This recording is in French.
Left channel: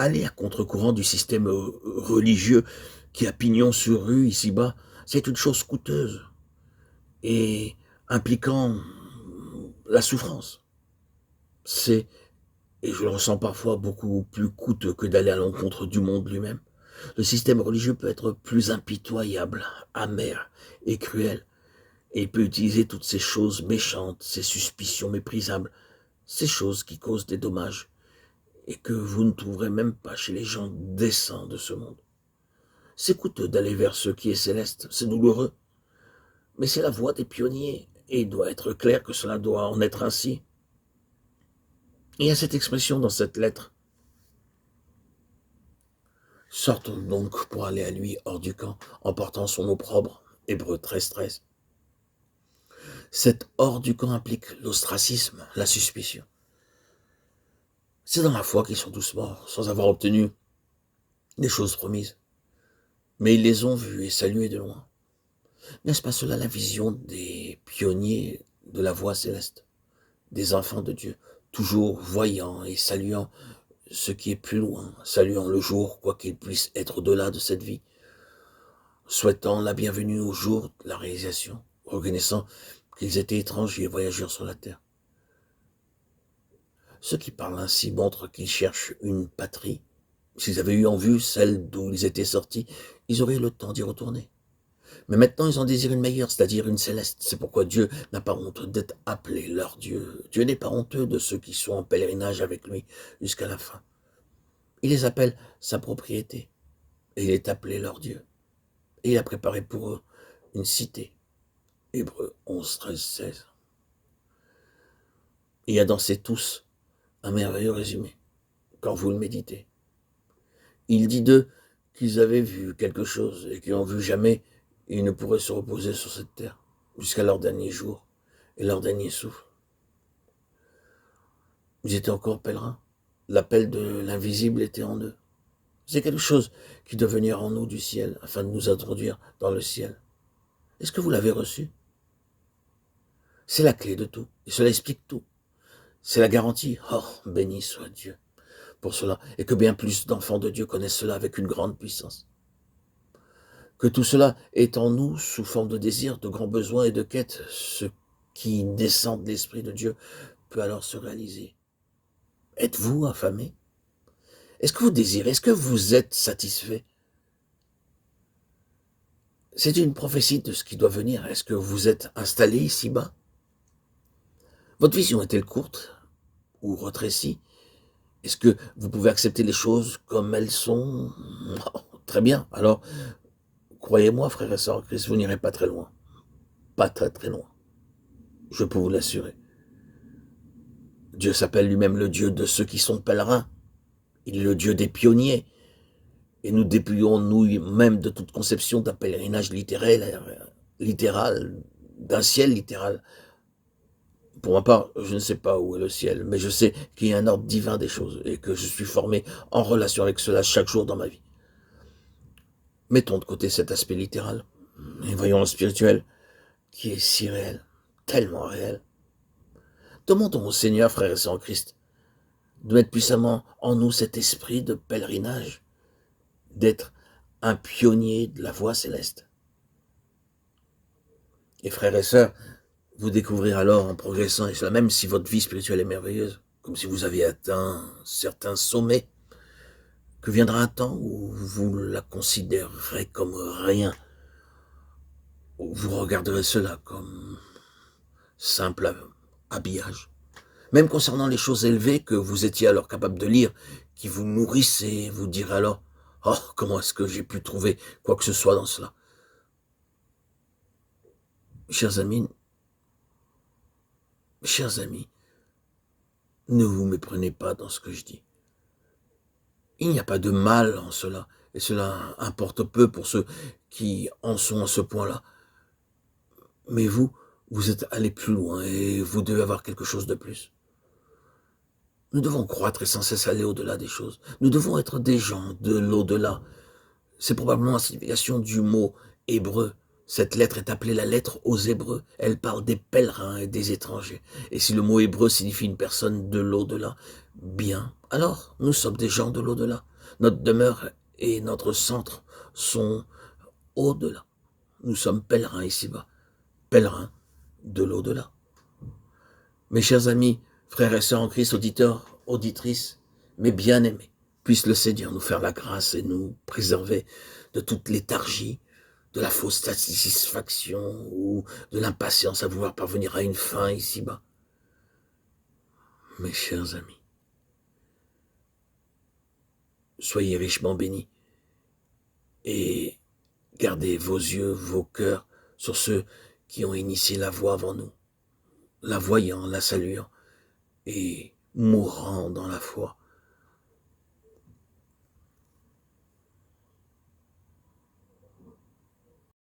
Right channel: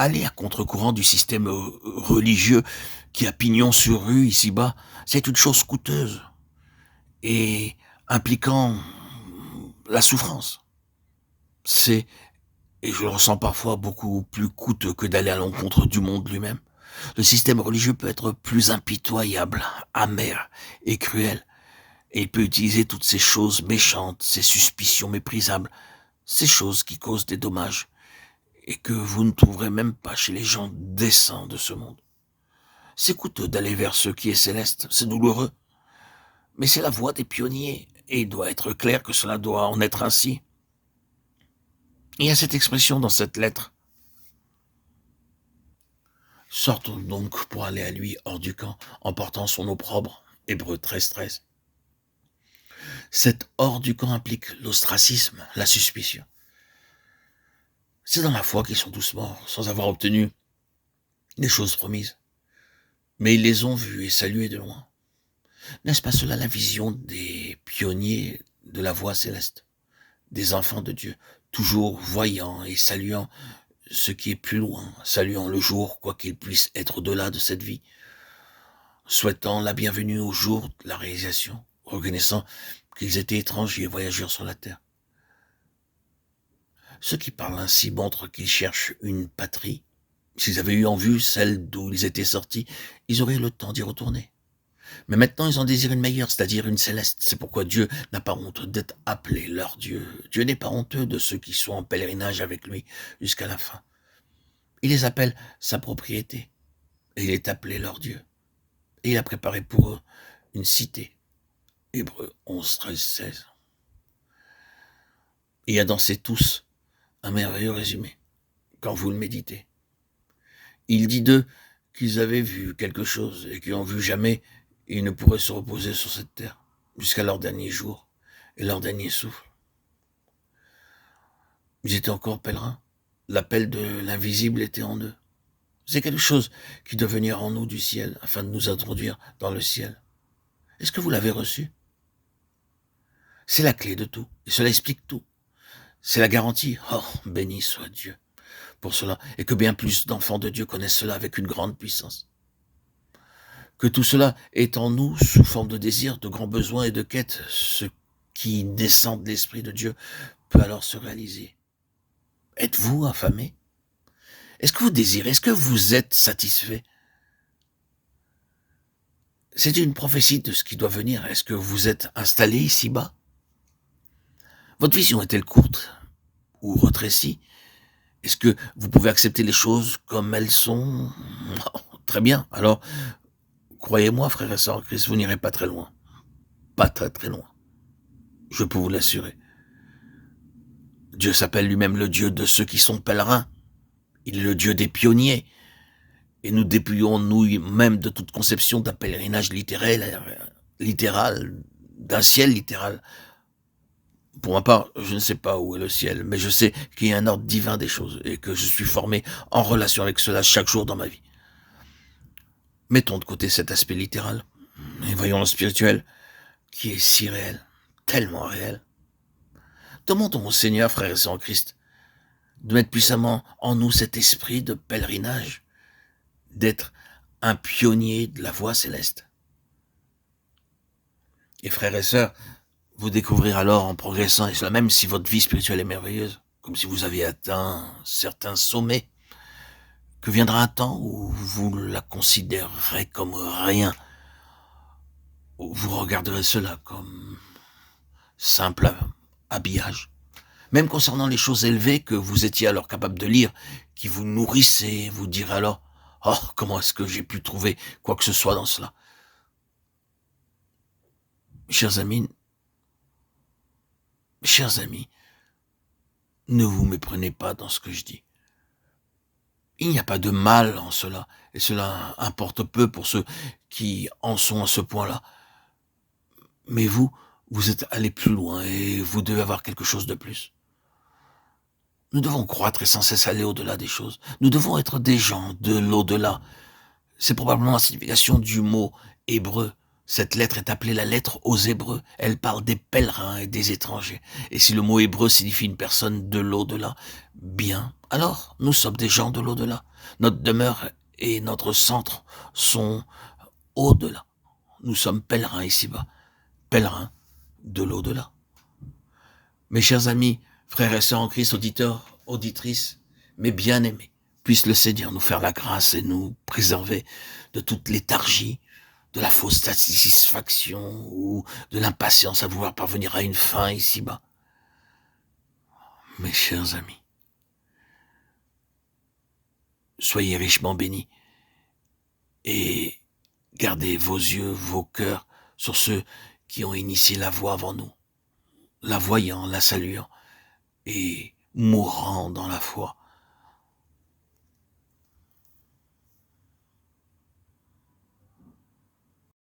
aller à contre-courant du système religieux qui a pignon sur rue ici-bas, c'est une chose coûteuse et impliquant la souffrance. C'est, et je le ressens parfois, beaucoup plus coûteux que d'aller à l'encontre du monde lui-même. Le système religieux peut être plus impitoyable, amer et cruel, et il peut utiliser toutes ces choses méchantes, ces suspicions méprisables, ces choses qui causent des dommages, et que vous ne trouverez même pas chez les gens décents de ce monde. C'est coûteux d'aller vers ce qui est céleste, c'est douloureux, mais c'est la voie des pionniers, et il doit être clair que cela doit en être ainsi. Il y a cette expression dans cette lettre. Sortons donc pour aller à lui hors du camp, en portant son opprobre, Hébreux 13:13. Cet hors du camp implique l'ostracisme, la suspicion. C'est dans la foi qu'ils sont tous morts, sans avoir obtenu les choses promises. Mais ils les ont vus et salués de loin. N'est-ce pas cela la vision des pionniers de la voie céleste, des enfants de Dieu, toujours voyant et saluant ce qui est plus loin, saluant le jour, quoi qu'il puisse être au-delà de cette vie, souhaitant la bienvenue au jour de la réalisation, reconnaissant qu'ils étaient étrangers et voyageurs sur la terre. Ceux qui parlent ainsi montrent qu'ils cherchent une patrie. S'ils avaient eu en vue celle d'où ils étaient sortis, ils auraient eu le temps d'y retourner. Mais maintenant, ils en désirent une meilleure, c'est-à-dire une céleste. C'est pourquoi Dieu n'a pas honte d'être appelé leur Dieu. Dieu n'est pas honteux de ceux qui sont en pèlerinage avec lui jusqu'à la fin. Il les appelle sa propriété, et il est appelé leur Dieu. Et il a préparé pour eux une cité. Hébreux 11, 13, 16. Il y a dans ces tous un merveilleux résumé, quand vous le méditez. Il dit d'eux qu'ils avaient vu quelque chose et qu'ils n'ont vu jamais, ils ne pourraient se reposer sur cette terre jusqu'à leur dernier jour et leur dernier souffle. Ils étaient encore pèlerins. L'appel de l'invisible était en eux. C'est quelque chose qui doit venir en nous du ciel afin de nous introduire dans le ciel. Est-ce que vous l'avez reçu? C'est la clé de tout et cela explique tout. C'est la garantie. Oh, béni soit Dieu pour cela, et que bien plus d'enfants de Dieu connaissent cela avec une grande puissance. Que tout cela est en nous sous forme de désir, de grands besoins et de quêtes, ce qui descend de l'Esprit de Dieu peut alors se réaliser. Êtes-vous affamé? Est-ce que vous désirez? Est-ce que vous êtes satisfait? C'est une prophétie de ce qui doit venir. Est-ce que vous êtes installé ici-bas? Votre vision est-elle courte ou rétrécie? Est-ce que vous pouvez accepter les choses comme elles sont? Très bien. Alors, croyez-moi, frères et sœurs en Christ, vous n'irez pas très loin. Pas très très loin. Je peux vous l'assurer. Dieu s'appelle lui-même le Dieu de ceux qui sont pèlerins. Il est le Dieu des pionniers. Et nous dépouillons nous-mêmes de toute conception d'un pèlerinage littéral, d'un ciel littéral. Pour ma part, je ne sais pas où est le ciel, mais je sais qu'il y a un ordre divin des choses et que je suis formé en relation avec cela chaque jour dans ma vie. Mettons de côté cet aspect littéral et voyons le spirituel qui est si réel, tellement réel. Demandons au Seigneur, frères et sœurs en Christ, de mettre puissamment en nous cet esprit de pèlerinage, d'être un pionnier de la voie céleste. Et frères et sœurs, vous découvrirez alors en progressant, et cela même si votre vie spirituelle est merveilleuse, comme si vous aviez atteint certains sommets, que viendra un temps où vous la considérerez comme rien, où vous regarderez cela comme simple habillage. Même concernant les choses élevées que vous étiez alors capable de lire, qui vous nourrissaient, vous direz alors, oh, comment est-ce que j'ai pu trouver quoi que ce soit dans cela? Chers amis, ne vous méprenez pas dans ce que je dis. Il n'y a pas de mal en cela, et cela importe peu pour ceux qui en sont à ce point-là. Mais vous êtes allé plus loin et vous devez avoir quelque chose de plus. Nous devons croître et sans cesse aller au-delà des choses. Nous devons être des gens de l'au-delà. C'est probablement la signification du mot hébreu. Cette lettre est appelée la lettre aux Hébreux. Elle parle des pèlerins et des étrangers. Et si le mot hébreu signifie une personne de l'au-delà, bien, alors nous sommes des gens de l'au-delà. Notre demeure et notre centre sont au-delà. Nous sommes pèlerins ici-bas, pèlerins de l'au-delà. Mes chers amis, frères et sœurs en Christ, auditeurs, auditrices, mes bien-aimés, puisse le Seigneur nous faire la grâce et nous préserver de toute léthargie, de la fausse satisfaction ou de l'impatience à vouloir parvenir à une fin ici-bas. Mes chers amis, soyez richement bénis et gardez vos yeux, vos cœurs sur ceux qui ont initié la voie avant nous, la voyant, la saluant et mourant dans la foi